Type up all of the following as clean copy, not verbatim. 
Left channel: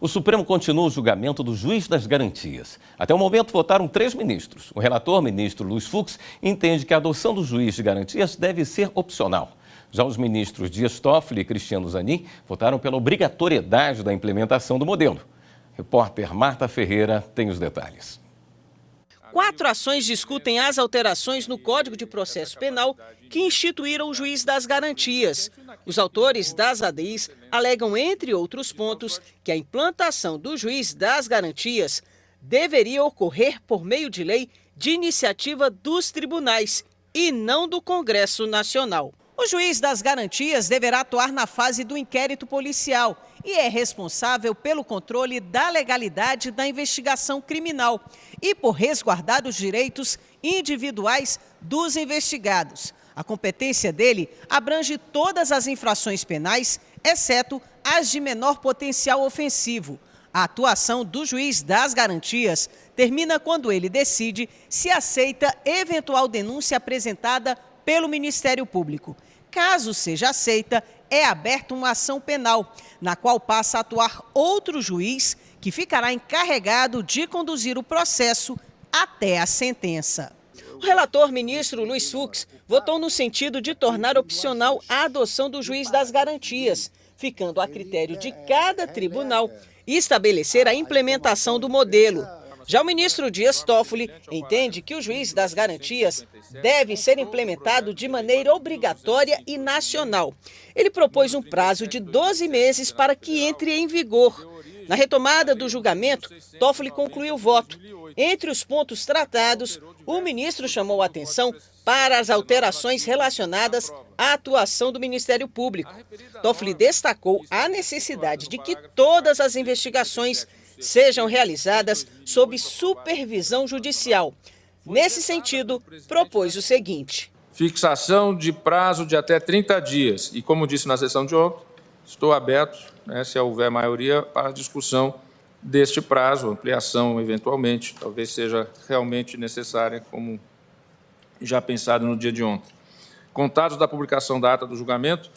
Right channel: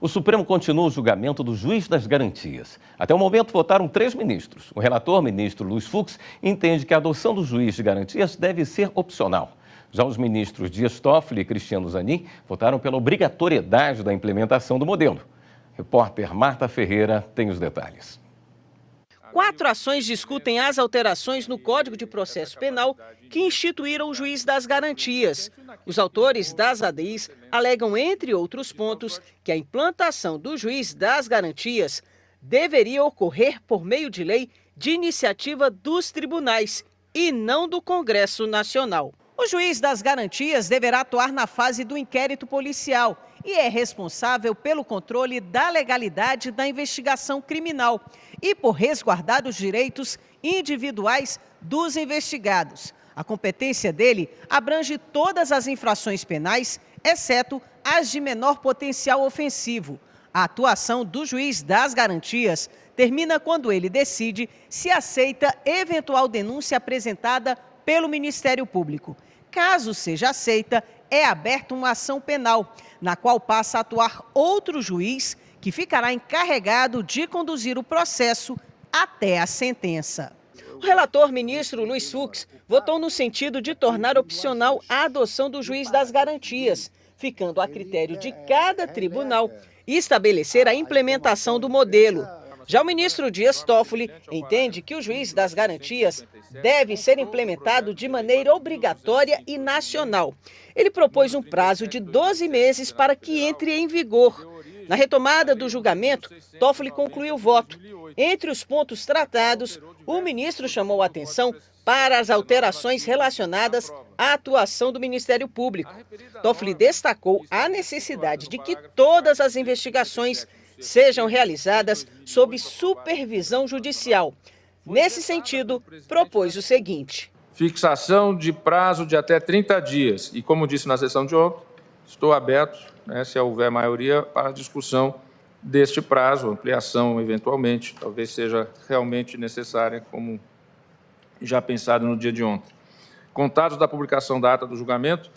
O Supremo continua o julgamento do juiz das garantias. Até o momento, votaram 3 ministros. O relator, ministro Luiz Fux, entende que a adoção do juiz de garantias deve ser opcional. Já os ministros Dias Toffoli e Cristiano Zanin votaram pela obrigatoriedade da implementação do modelo. Repórter Marta Ferreira tem os detalhes. 4 ações discutem as alterações no Código de Processo Penal que instituíram o juiz das garantias. Os autores das ADIs alegam, entre outros pontos, que a implantação do juiz das garantias deveria ocorrer por meio de lei de iniciativa dos tribunais e não do Congresso Nacional. O juiz das garantias deverá atuar na fase do inquérito policial e é responsável pelo controle da legalidade da investigação criminal e por resguardar os direitos individuais dos investigados. A competência dele abrange todas as infrações penais, exceto as de menor potencial ofensivo. A atuação do juiz das garantias termina quando ele decide se aceita eventual denúncia apresentada pelo Ministério Público. Caso seja aceita, é aberta uma ação penal, na qual passa a atuar outro juiz que ficará encarregado de conduzir o processo até a sentença. O relator, ministro Luiz Fux, votou no sentido de tornar opcional a adoção do juiz das garantias, ficando a critério de cada tribunal e estabelecer a implementação do modelo. Já o ministro Dias Toffoli entende que o juiz das garantias deve ser implementado de maneira obrigatória e nacional. Ele propôs um prazo de 12 meses para que entre em vigor. Na retomada do julgamento, Toffoli concluiu o voto. Entre os pontos tratados, o ministro chamou a atenção para as alterações relacionadas à atuação do Ministério Público. Toffoli destacou a necessidade de que todas as investigações sejam realizadas sob supervisão judicial. Nesse sentido, propôs o seguinte: fixação de prazo de até 30 dias. E, como disse na sessão de ontem, estou aberto, se houver maioria, para a discussão deste prazo, ampliação eventualmente, talvez seja realmente necessária, como já pensado no dia de ontem. Contados da publicação da ata do julgamento,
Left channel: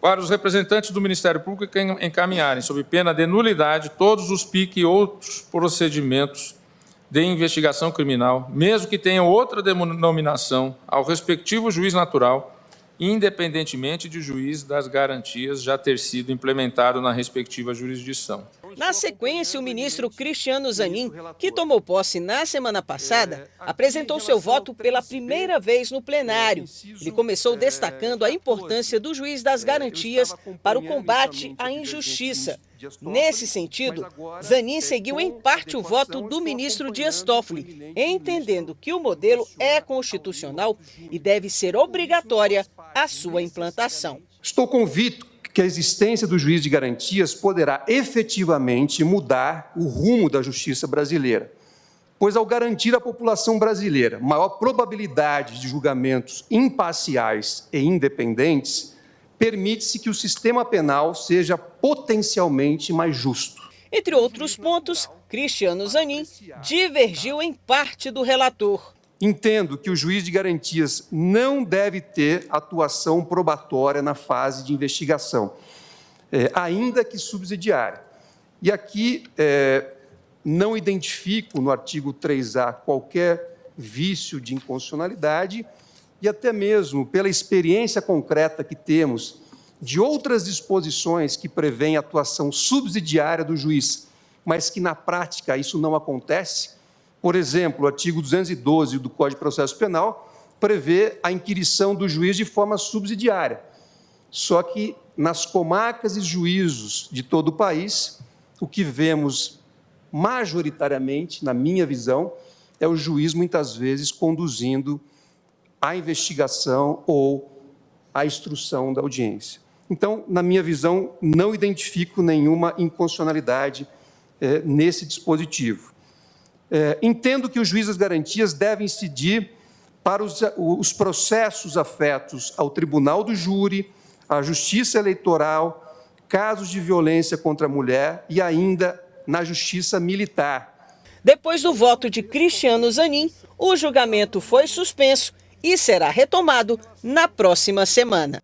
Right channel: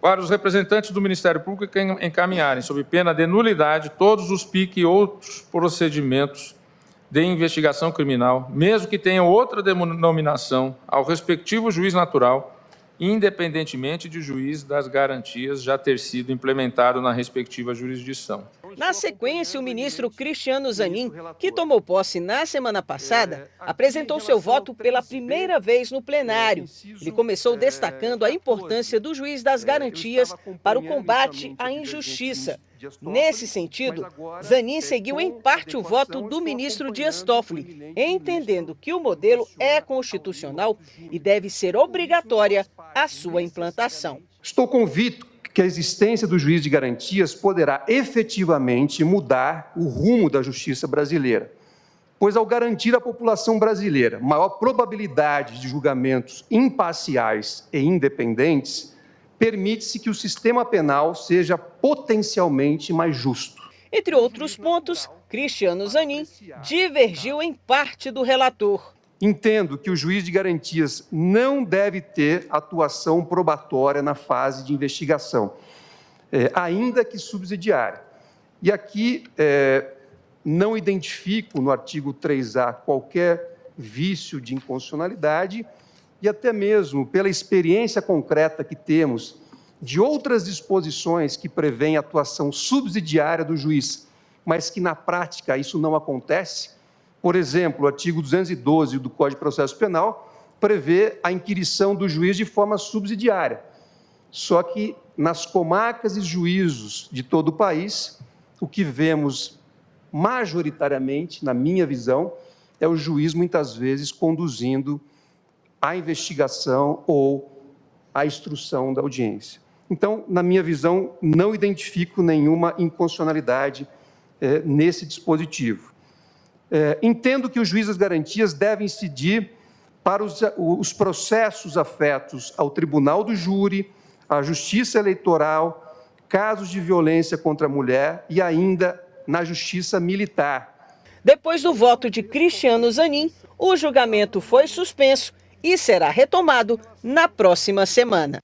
para os representantes do Ministério Público encaminharem, sob pena de nulidade, todos os PIC e outros procedimentos de investigação criminal, mesmo que tenham outra denominação, ao respectivo juiz natural, independentemente de juiz das garantias já ter sido implementado na respectiva jurisdição. Na sequência, o ministro Cristiano Zanin, que tomou posse na semana passada, apresentou seu voto pela primeira vez no plenário. Ele começou destacando a importância do juiz das garantias para o combate à injustiça. Nesse sentido, Zanin seguiu em parte o voto do ministro Dias Toffoli, entendendo que o modelo é constitucional e deve ser obrigatória a sua implantação. Estou convicto que a existência do juiz de garantias poderá efetivamente mudar o rumo da justiça brasileira, pois ao garantir à população brasileira maior probabilidade de julgamentos imparciais e independentes, permite-se que o sistema penal seja potencialmente mais justo. Entre outros pontos, Cristiano Zanin divergiu em parte do relator. Entendo que o juiz de garantias não deve ter atuação probatória na fase de investigação, ainda que subsidiária. E aqui não identifico no artigo 3A qualquer vício de inconstitucionalidade e até mesmo pela experiência concreta que temos de outras disposições que prevêem atuação subsidiária do juiz, mas que na prática isso não acontece. Por exemplo, o artigo 212 do Código de Processo Penal prevê a inquirição do juiz de forma subsidiária. Só que nas comarcas e juízos de todo o país, o que vemos majoritariamente, na minha visão, é o juiz muitas vezes conduzindo a investigação ou a instrução da audiência. Então, na minha visão, não identifico nenhuma inconstitucionalidade nesse dispositivo. Entendo que os juízes das garantias devem incidir para os processos afetos ao tribunal do júri, à justiça eleitoral, casos de violência contra a mulher e ainda na justiça militar. Depois do voto de Cristiano Zanin, o julgamento foi suspenso e será retomado na próxima semana.